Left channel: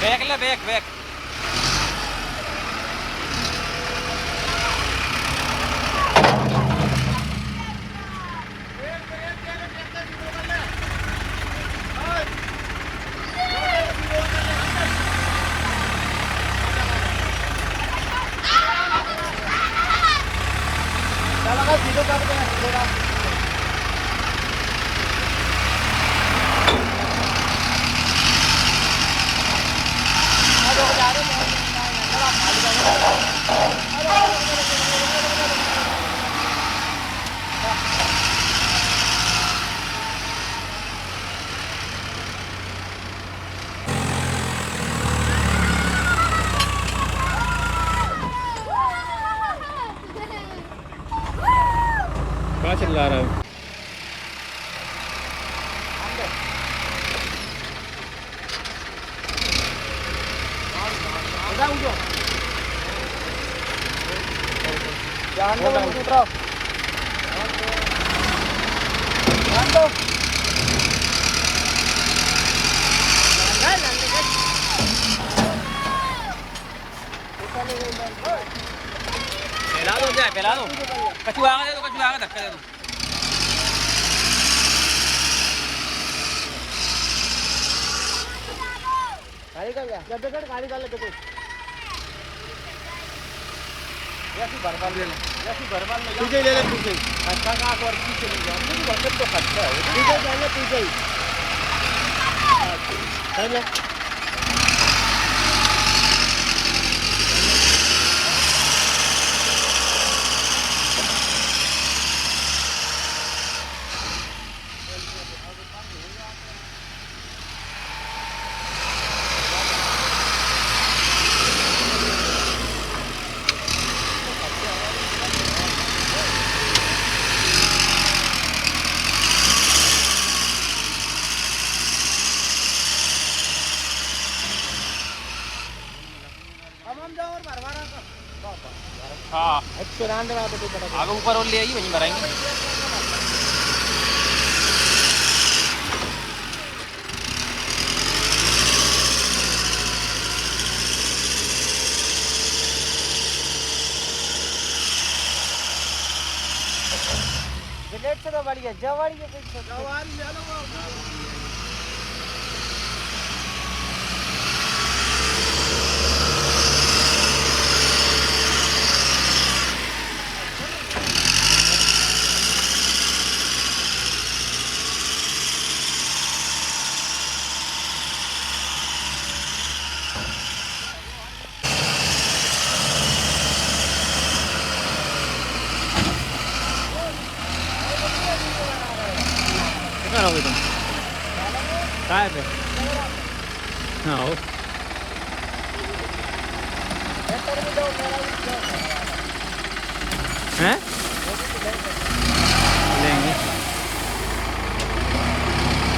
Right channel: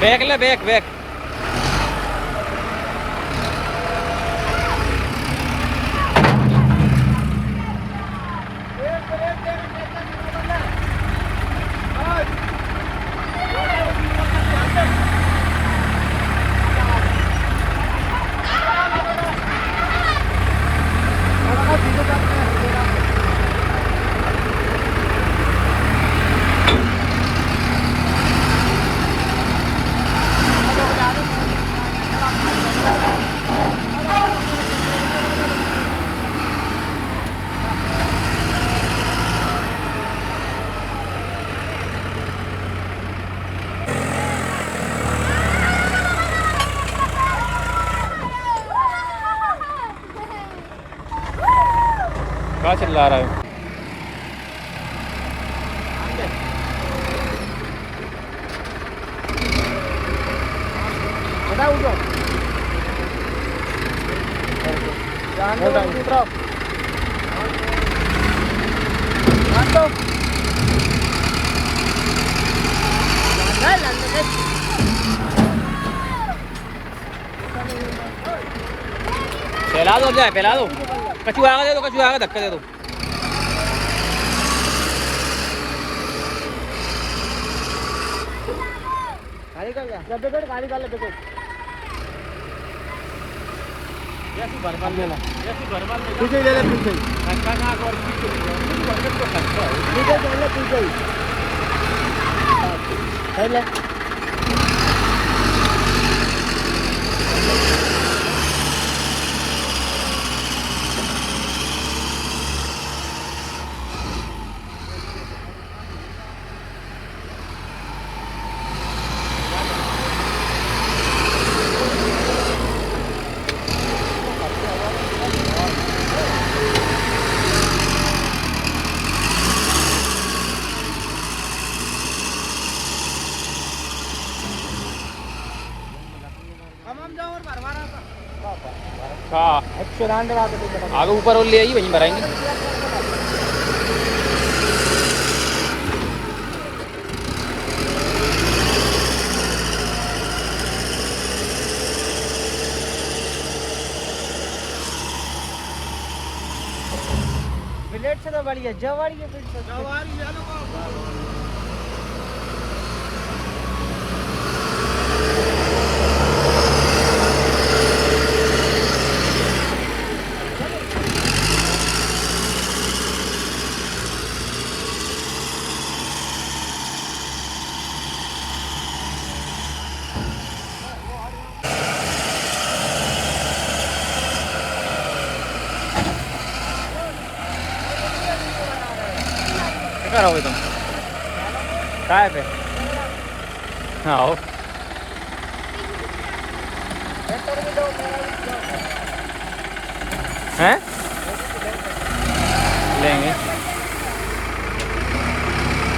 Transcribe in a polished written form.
Back ले back back कहाँ चिल्ला रहा है? फैला दो जाए फैला दो कचू आगे दे दो कचू आगे धक्का दे दो गाड़ी कर गाड़ी डाल ले घर ले ला तुझे ले ले तुझे ले हाँ आगे ऊपर और ले आइए वहीं भराएंगे से तो बढ़िया जवाड़ी क्या करोगे तुम काय पे आओ हैं